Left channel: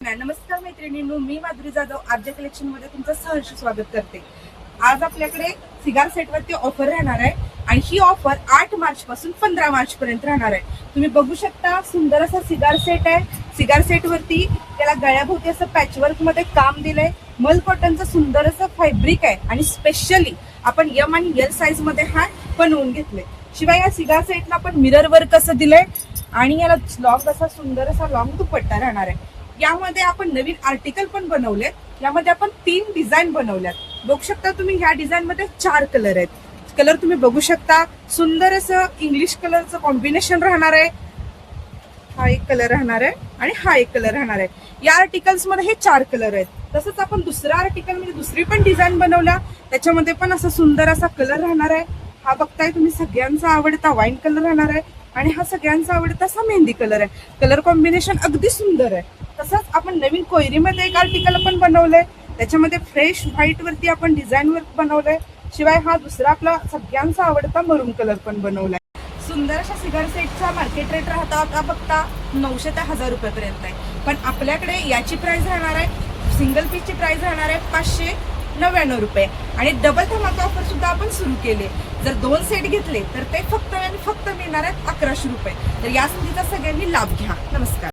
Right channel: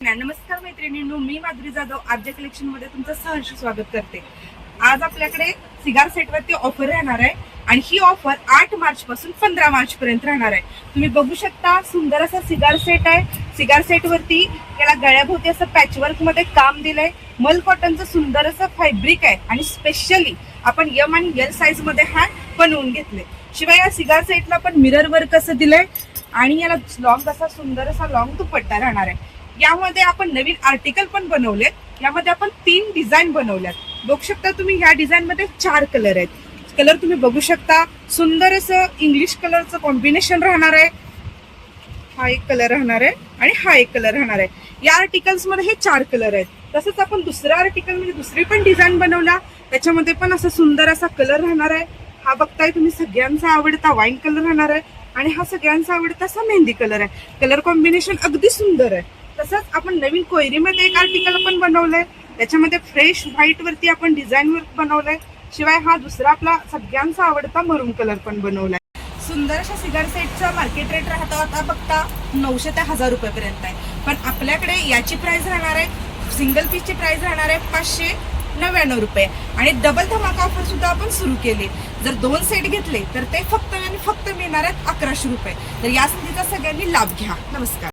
नमस्कार मैत्रिणींनो, मी Madhuri Jadhav RJ collection मध्ये तुमचं सहर्ष स्वागत करते। आज आपल्याकडे सिगार सेट वरती ऑफर राहणार आहे आणि ही ऑफर 8 मार्च पासून 15 मार्च पर्यंत राहणार आहे। तुम्ही बघू शकता, सुंदर असा सिगार सेट आहे। सिगार सेट वरती त्याला गळ्याभोवती असं पॅचवर्क मध्ये काम दिलंय। मल कॉटनचं सुंदर असं फॅब्रिक आहे आणि स्पेशली आपण एम आणि एल साइज मध्ये हा बनवून घेतले। शिवाय या सिगार सेटला पण मिरर वर्क असं दिलंय आणि याला लॉंग असा सुंदर असा लॉंग दुपट्टा राहणार आहे। यामध्ये आपण नवीन आर्टिकल पण बनवलेत। यामध्ये आपण 3 डिझाईन बनवल्यात। बघू शकता तुम्ही, ह्या डिझाईन मध्ये 4 कलर आहेत। कलर तुम्ही बघू शकता, सुंदर असं इंग्लिश कलरचं कॉम्बिनेशन राहणार आहे। हा एक कलर राहणार आहे आणि हा एक कलर राहणार आहे। या आर्टिकल्स मध्ये हे 4 कलर आहेत। तसंच आपण दुसरा आर्टिकल म्हणजे दुसरी पण डिझाईन बनवल्या, त्याच्यामध्ये पण असं सुंदर असा कलर राहणार आहे। हा बघताय तुम्ही, सगळ्यांचा आवडता वाईन कलर राहणार आहे आणि हा सगळ्यांचा आवडता असा मेहंदी कलर आहे। कलर कॉम्बिनेशन अगदी सुंदर आहे। तसंच आपण नवीन कोयरीमध्ये एक आर्टिकल पण बनवलंय, त्याच्यामध्ये फ्रेश व्हाईट वरती आपण डिझाईन वर्क बनवलंय। शिवाय हा दुसरा आपला सगळ्यांचा आवडता मरून कलर पण बनवलाय। सुंदर अशा सिगार सेटचा मार्केट रेट राहता आता बघता 900 ते 1000 रुपये पर्यंत आहे, पण आपल्याकडे याची प्राइस राहणार आहे, सिंगल पीसची प्राइस राहणार आहे 599 रुपये आणि डबल धमाका ऑफर सुद्धा आपण सुरू केली। जर 2 सेट घेतले तर ते फक्त मिळणार आहेत 1100 रुपये। तर या संधीचा सगळ्यांनी लाभ घ्या। नमस्कार।